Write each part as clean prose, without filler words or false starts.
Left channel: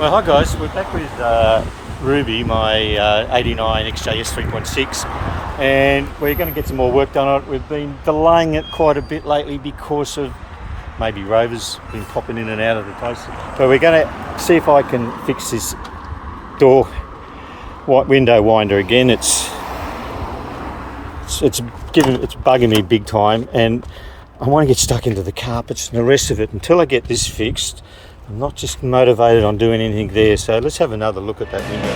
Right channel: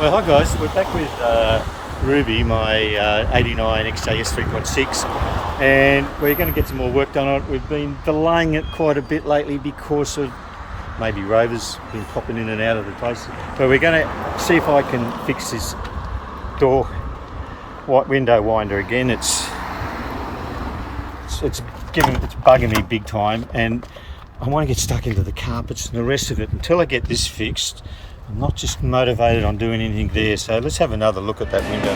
Well, hi guys, we're back with Ruby, my 89 XJS 3.6, and we're going to get some more work done on it. We've been delaying it quite a bit lately because of maybe rovers been popping in and out of the place. So we're going to see if I can fix this window winder again. It's bugging me big time, and I want to get stuck into the carpets and the rest of it. Until I get this fixed, I'm not just motivated on doing anything there. So let's have another look at that window.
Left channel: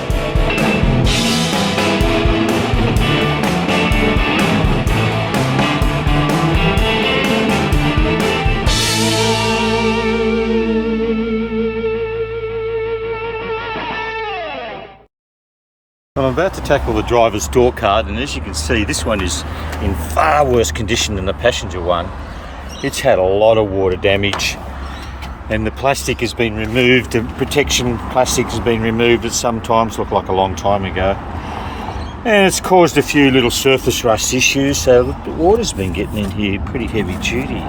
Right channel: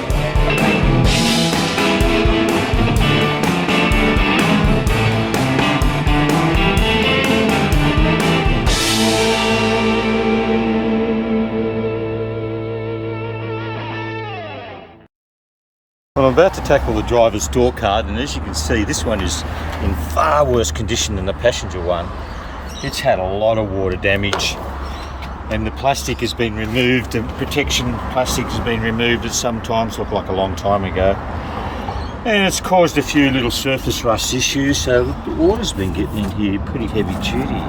Well, I'm about to tackle the driver's door card, and as you can see, this one is in far worse condition than the passenger one. It's had a lot of water damage, and the plastic has been removed. The protection plastic has been removed. It sometimes looked like a long time ago, and it's caused a few little surface rust issues. So the water's been getting in here pretty heavy duty.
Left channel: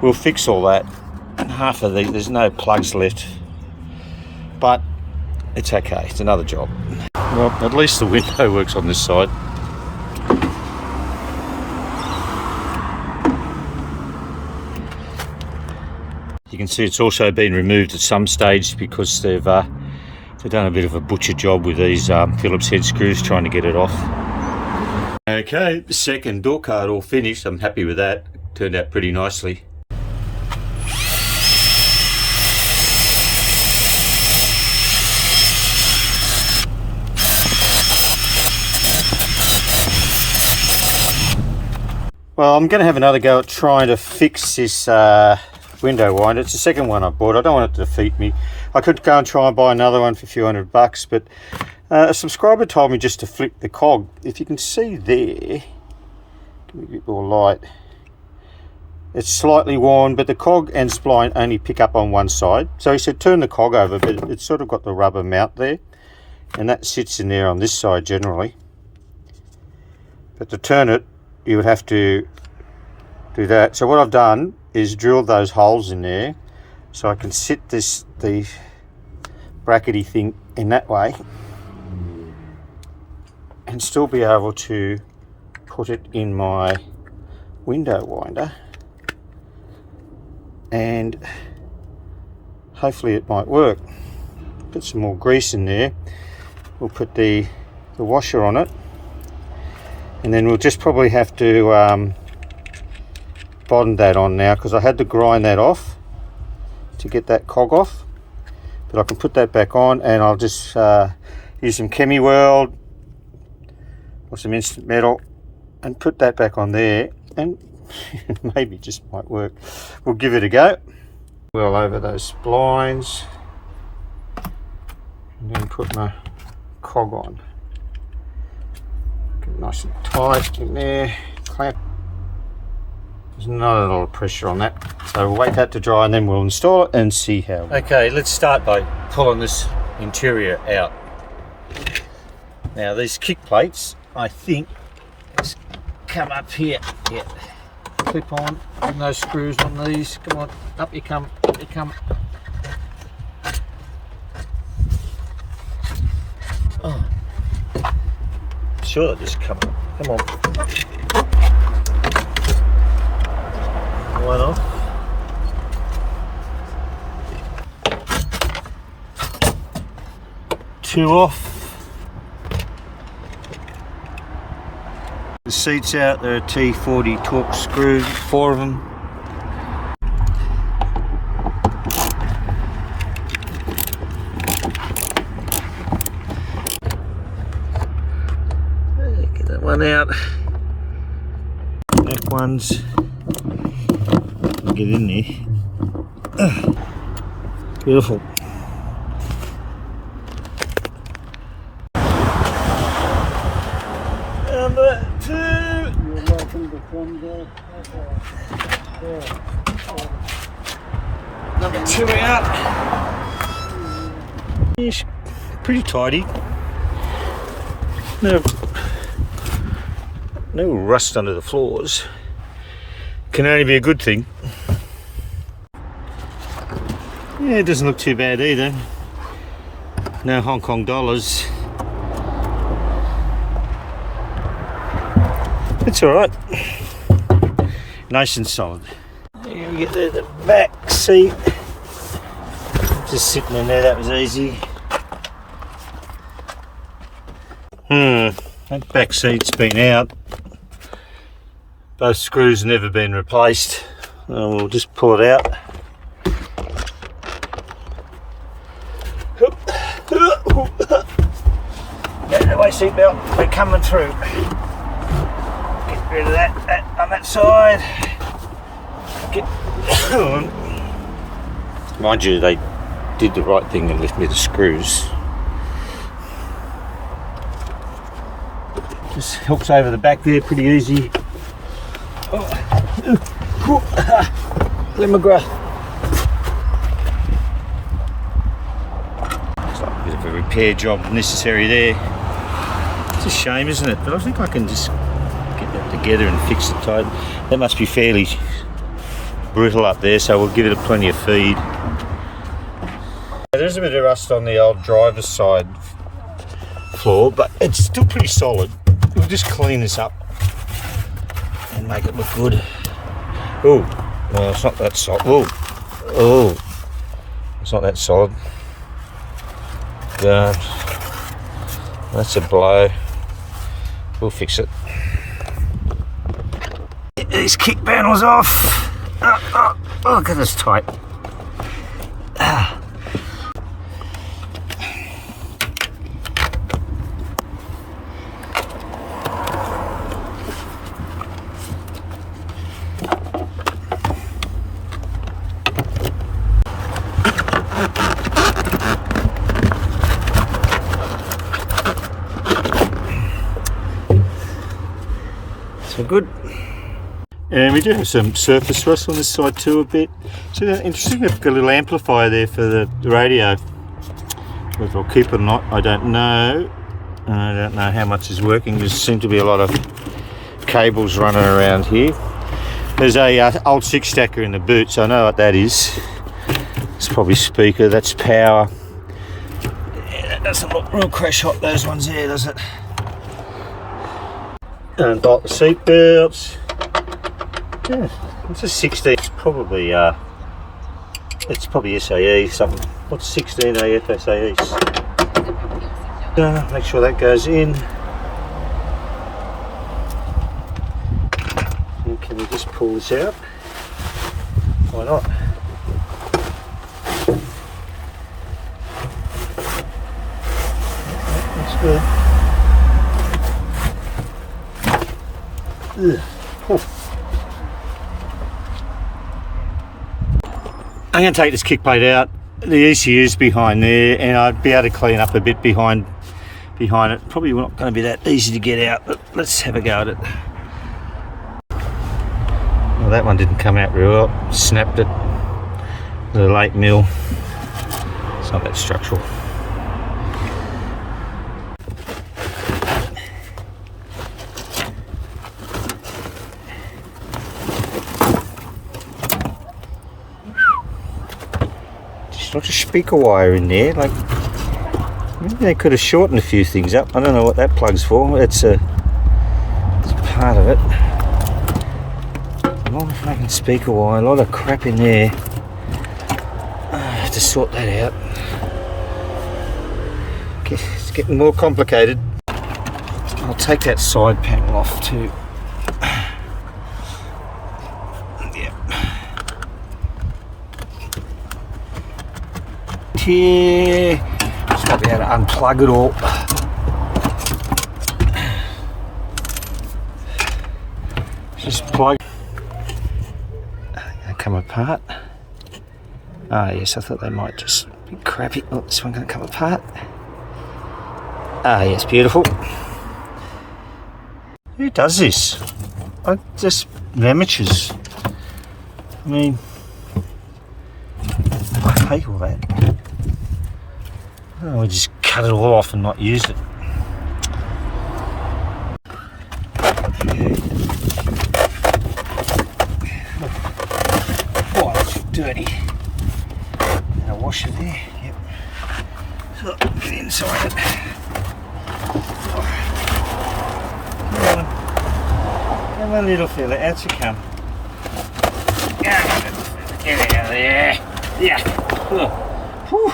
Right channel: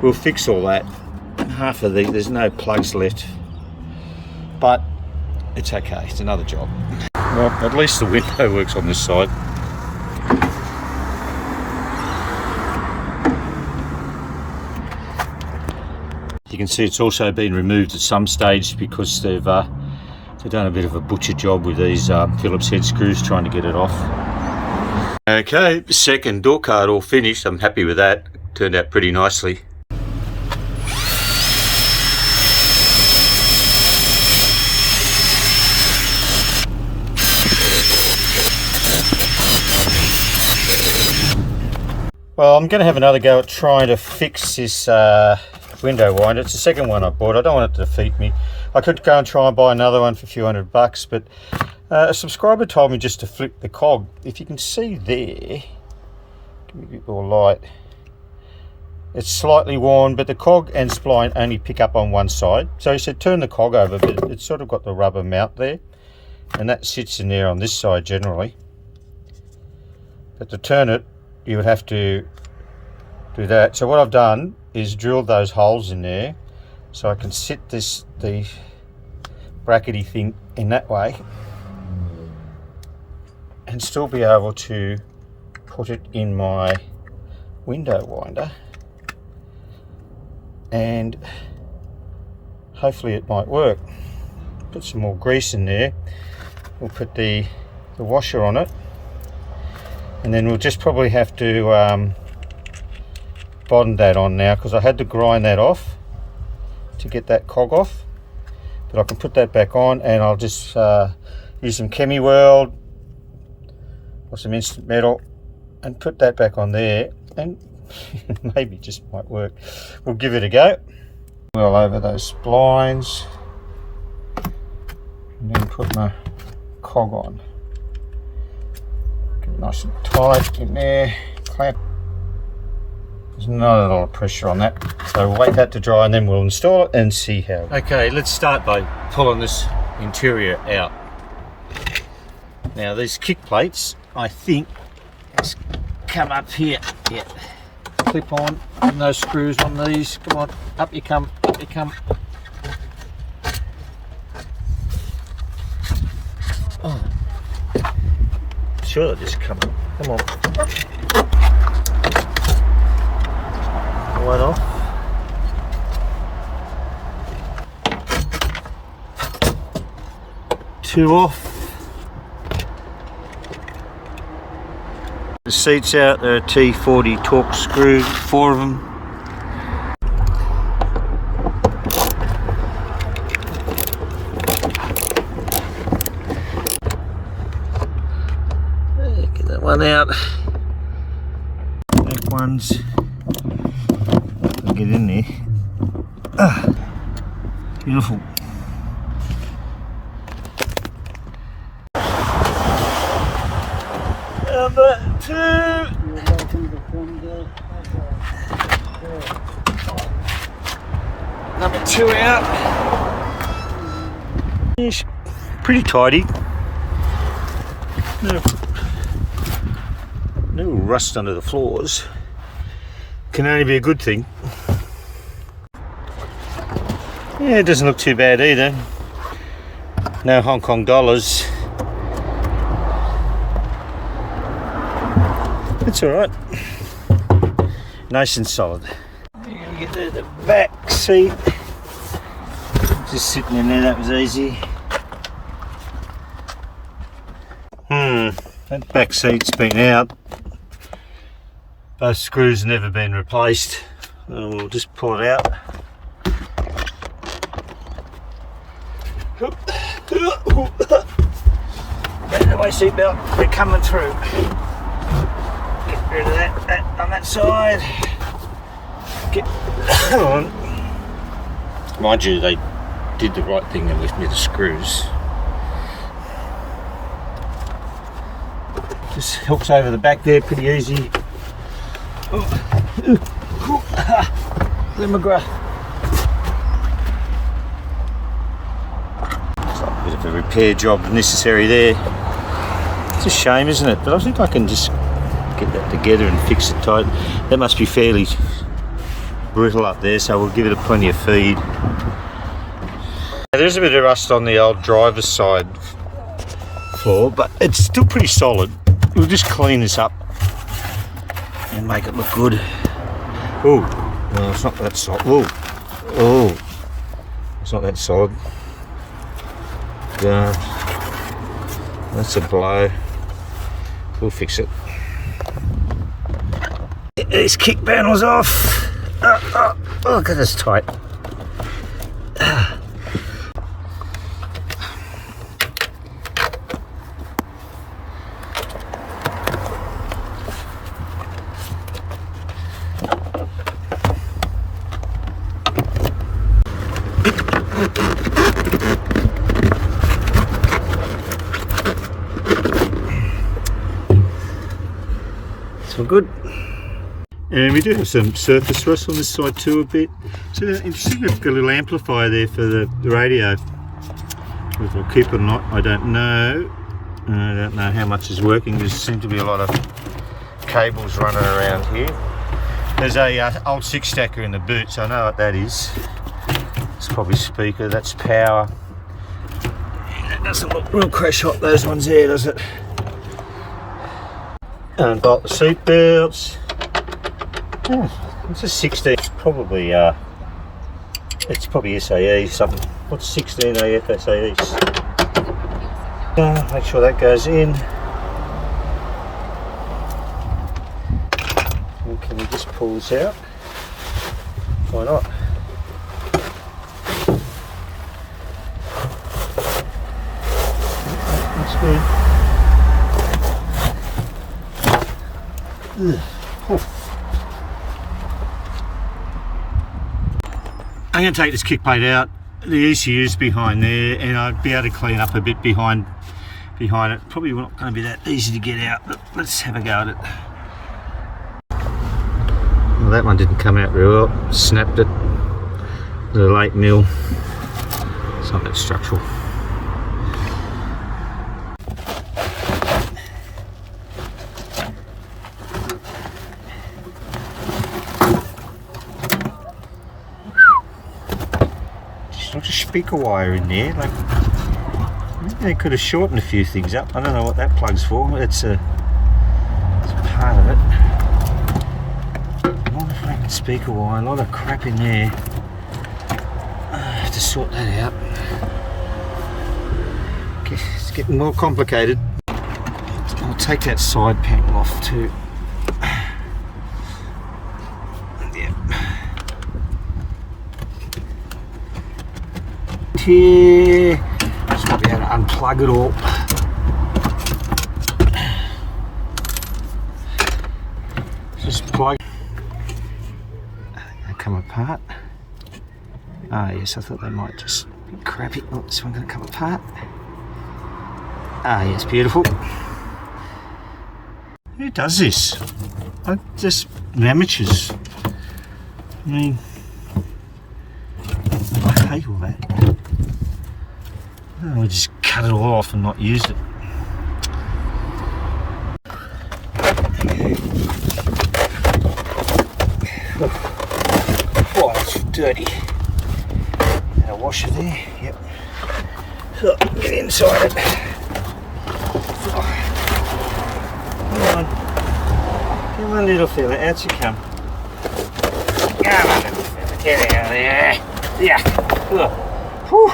We'll fix all that. Half of there's no plugs left, but it's okay. It's another job. Well, at least the window works on this side. You can see it's also been removed at some stage because they've done a bit of a butcher job with these Phillips head screws trying to get it off. Okay, second door card all finished. I'm happy with that. Turned out pretty nicely. Well, I'm going to have another go at trying to fix this window winder. It's the second one I bought. I don't want it to defeat me. I could go and try and buy another one for a few $100, but a subscriber told me just to flip the cog. If you can see there, give me a bit more light. It's slightly worn, but the cog and spline only pick up on one side. So he said turn the cog over, but it's sort of got the rubber mount there, and that sits in there on this side generally. But to turn it, you would have to do that. So what I've done is drilled those holes in there so I can sit the brackety thing in that way and still be able to put it in my window winder, and hopefully it might work. Put some more grease in there. We'll put the washer on it, and then we'll just probably have to bond that on now, because I had to grind that off to get that cog off. But I can put that back on, and I'll just use some Chemi World or some instant metal and put that back on there, and maybe it just might work. We'll give it a go. Well, over those splines, and then put my cog on. Get it nice and tight in there, clamp. There's not a lot of pressure on that, so we'll wait that to dry and then we'll install it and see how. Okay, let's start by pulling this interior out. Now these kick plates, I think, let's come up here. Yeah, clip on, and those screws on these. Come on, up you come, up you come. Sure, just come on. Come on. One off. Two off. The seats out. There are T40 Torx screws, 4 of them. Get that one out. That one's. Get in there. Beautiful. Number 2. Number 2 out. It's pretty tidy. No rust under the floors. Can only be a good thing. Yeah, it doesn't look too bad either. No Hong Kong dollars. It's alright. Nice and solid. Here we get the back seat. Just sitting in there, that was easy. That back seat's been out. Both screws have never been replaced. We'll just pull it out. The way seatbelt, we're coming through. Get rid of that on that side. Get on. Mind you, they did the right thing and left me the screws. Just hooks over the back there pretty easy. Let me grab. Looks like a bit of a repair job necessary there. It's a shame, isn't it? But I think I can just get that together and fix it tight. That must be fairly brittle up there, so we'll give it plenty of feed. There's a bit of rust on the old driver's side floor, but it's still pretty solid. We'll just clean this up and make it look good. Oh, well, it's not that solid. Oh, it's not that solid. God, that's a blow. We'll fix it. Get these kick panels off. Oh, look at this tight. So good. And we do have some surface rust on this side too a bit. So interesting, I've got a little amplifier there for the radio. Whether I'll keep it or not, I don't know. I don't know how much is working. There seem to be a lot of cables running around here. There's a old 6-stacker in the boot, so I know what that is. It's probably speaker, that's power. Yeah, that doesn't look real crash hot, those ones there, does it? And bolt the seat belts. Yeah, it's a 16. It's probably SAE something. What's 16 AF SAEs? Make sure that goes in. And can we just pull this out? Why not? That's good. I'm going to take this kick plate out. The ECU's behind there, and I'd be able to clean up a bit behind it. Probably not going to be that easy to get out, but let's have a go at it. Well, that one didn't come out real well. Snapped it. The late mill. It's not that structural. Not a speaker wire in there, like maybe they could have shortened a few things up. I don't know what that plug's for. It's part of it. A lot of fucking speaker wire, a lot of crap in there. I have to sort that out. It's getting more complicated. I'll take that side panel off too. Here, just got to be able to unplug it all. Just plug. They come apart. Ah, yes, I thought they might just be crappy. Oh, this one can't come apart. Ah, yes, beautiful. Who does this? Just amateurs. I mean, I hate all that. Oh, we just cut it all off and not use it. Oh, that's dirty. A washer there, yep. Look, get inside it. Come on. Come on, little fella, out you come. Come on. Get out of there. Yeah. Whew.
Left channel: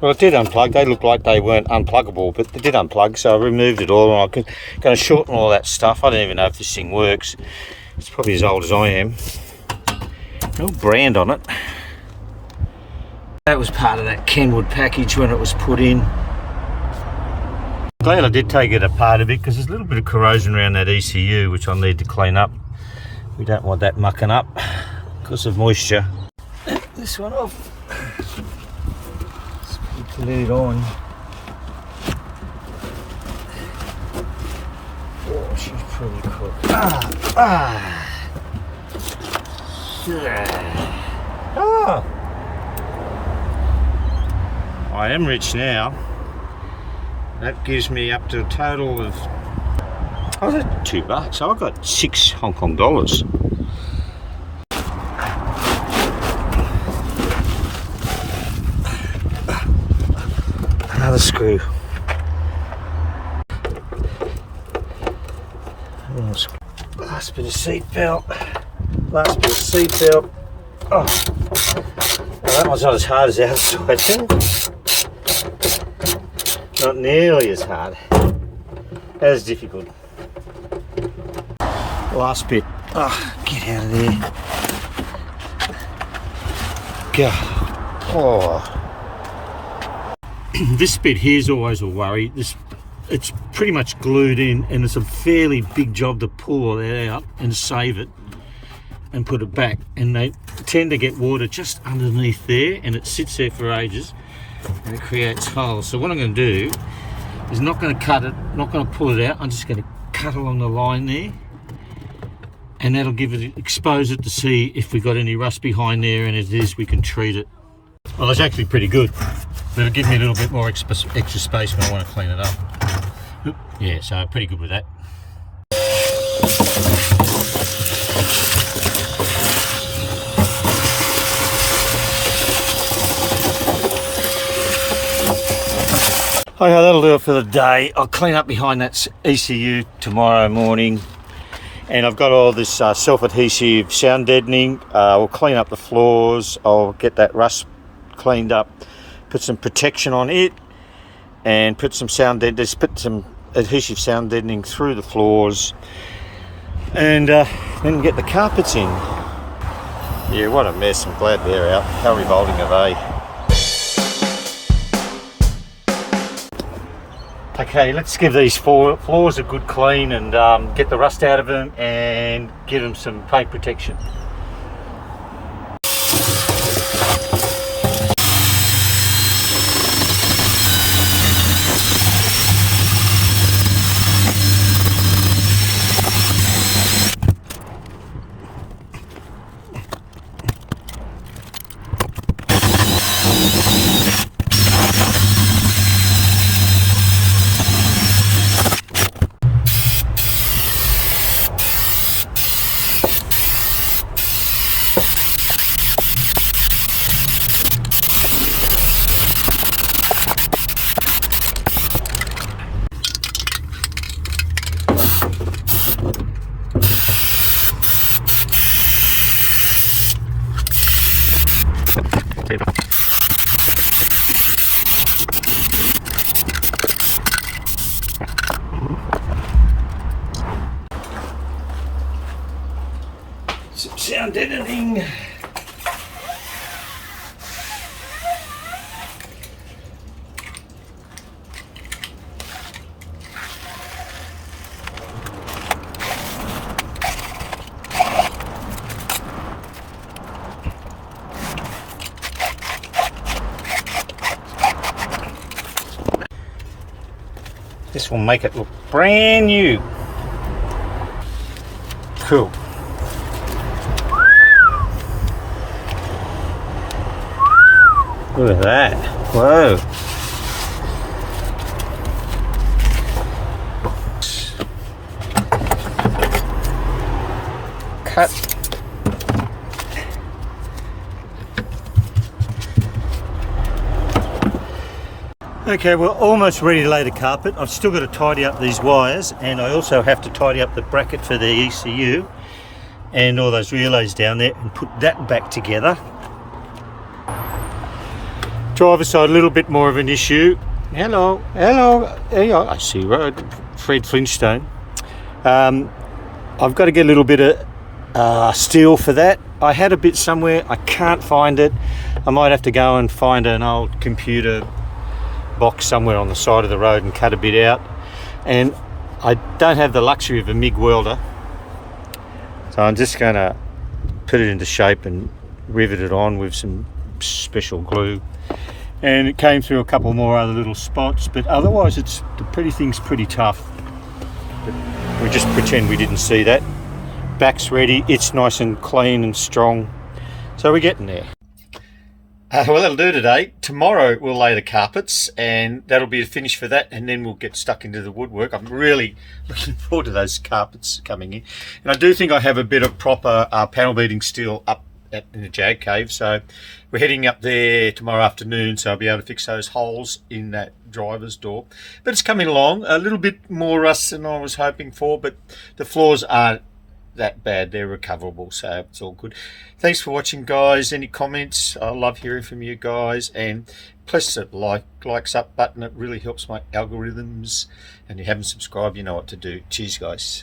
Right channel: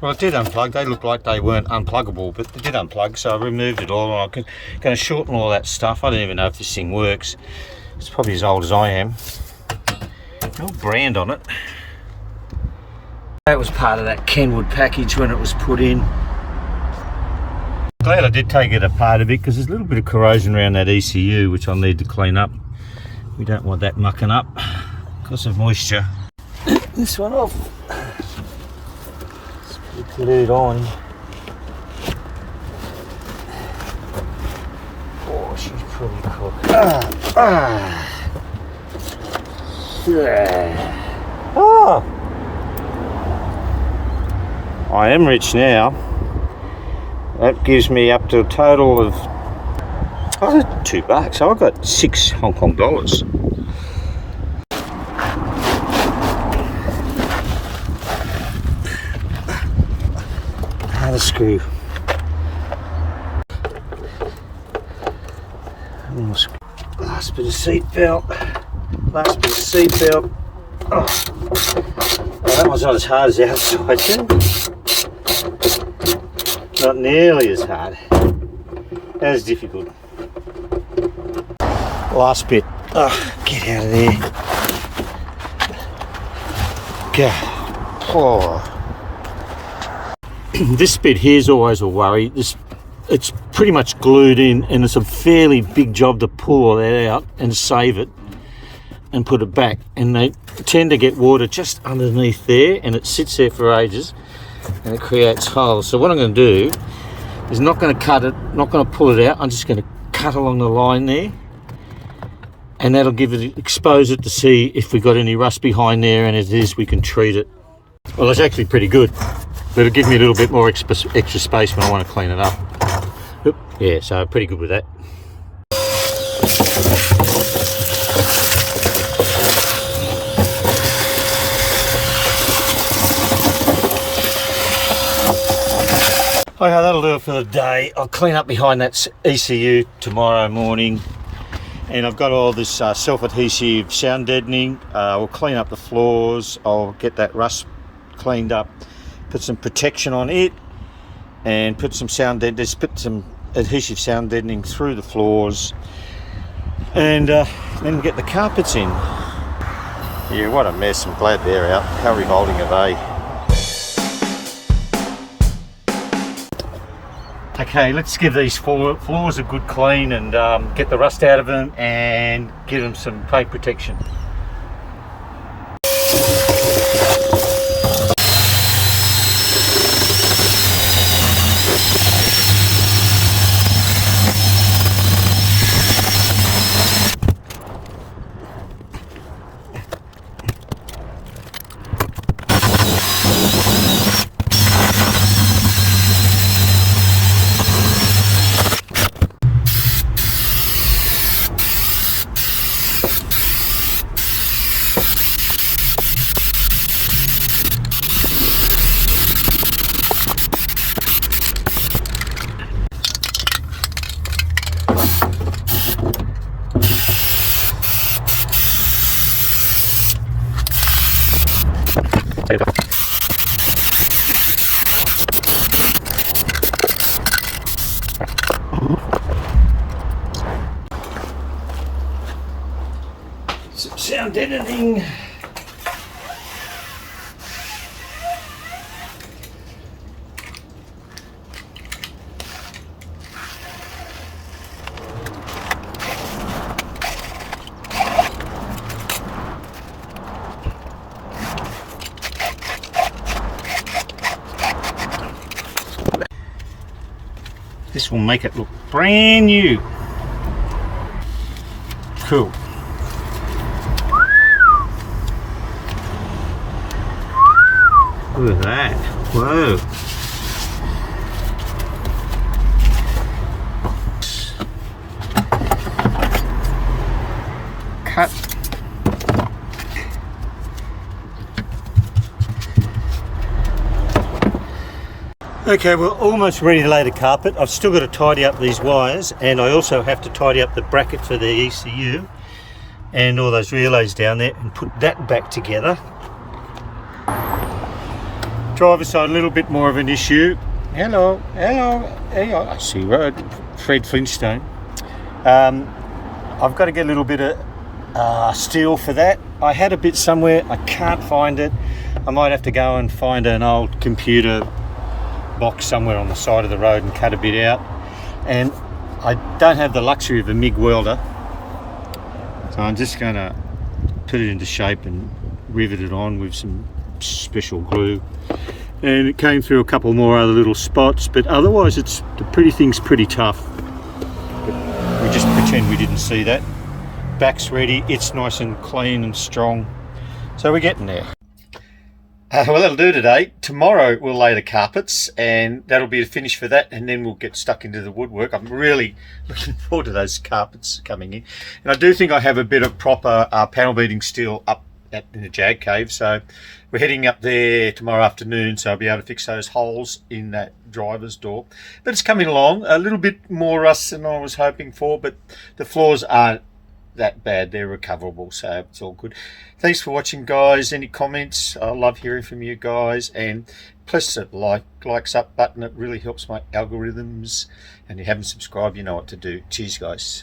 Well, it did unplug. They looked like they weren't unpluggable, but they did unplug, so I removed it all, and I'm going to shorten all that stuff. I don't even know if this thing works. It's probably as old as I am. No brand on it. That was part of that Kenwood package when it was put in. Glad I did take it apart a bit, because there's a little bit of corrosion around that ECU which I'll need to clean up. We don't want that mucking up because of moisture. This one off. It's glued on. Oh, she's pretty cool. Yeah. I am rich now. That gives me up to a total of $2. So I've got 6 Hong Kong dollars. Another screw. Last bit of seat belt. Last bit of seat belt. Oh, well, that one's not as hard as the outside. Not nearly as hard. As difficult. Last bit. Oh, get out of there. Go. Oh. This bit here is always a worry. It's pretty much glued in, and it's a fairly big job to pull all that out and save it and put it back. And they tend to get water just underneath there, and it sits there for ages, and it creates holes. So what I'm going to do is not going to cut it, not going to pull it out. I'm just going to cut along the line there, and that'll expose it to see if we've got any rust behind there, and if it is, we can treat it. Well, it's actually pretty good, but it'll give me a little bit more extra space when I want to clean it up. Oop, yeah, so pretty good with that. Okay, that'll do it for the day. I'll clean up behind that ECU tomorrow morning, and I've got all this self-adhesive sound deadening. We'll clean up the floors. I'll get that rust cleaned up, put some protection on it, and put some put some adhesive sound deadening through the floors, and then get the carpets in. Yeah, what a mess. I'm glad they're out. How revolting are they? Okay, let's give these floors a good clean and get the rust out of them and give them some paint protection. Some sound editing. This will make it look brand new. Cool. Look at that. Whoa. Cut. Okay, we're almost ready to lay the carpet. I've still got to tidy up these wires, and I also have to tidy up the bracket for the ECU and all those relays down there and put that back together. Driver's side, a little bit more of an issue. Hello, I see road. Fred Flintstone. I've got to get a little bit of steel for that. I had a bit somewhere, I can't find it. I might have to go and find an old computer box somewhere on the side of the road and cut a bit out. And I don't have the luxury of a MIG welder, so I'm just going to put it into shape and rivet it on with some special glue. And it came through a couple more other little spots, but otherwise the thing's pretty tough. But we just pretend we didn't see that. Back's ready, it's nice and clean and strong, so we're getting there. Well, that'll do today. Tomorrow we'll lay the carpets, and that'll be the finish for that, and then we'll get stuck into the woodwork. I'm really looking forward to those carpets coming in. And I do think I have a bit of proper panel beating steel up in the Jag Cave, so we're heading up there tomorrow afternoon, so I'll be able to fix those holes in that driver's door. But it's coming along, a little bit more rust than I was hoping for, but the floors aren't that bad, they're recoverable, so it's all good. Thanks for watching, guys. Any comments? I love hearing from you guys, and press the likes up button. It really helps my algorithms, and if you haven't subscribed, you know what to do. Cheers, guys.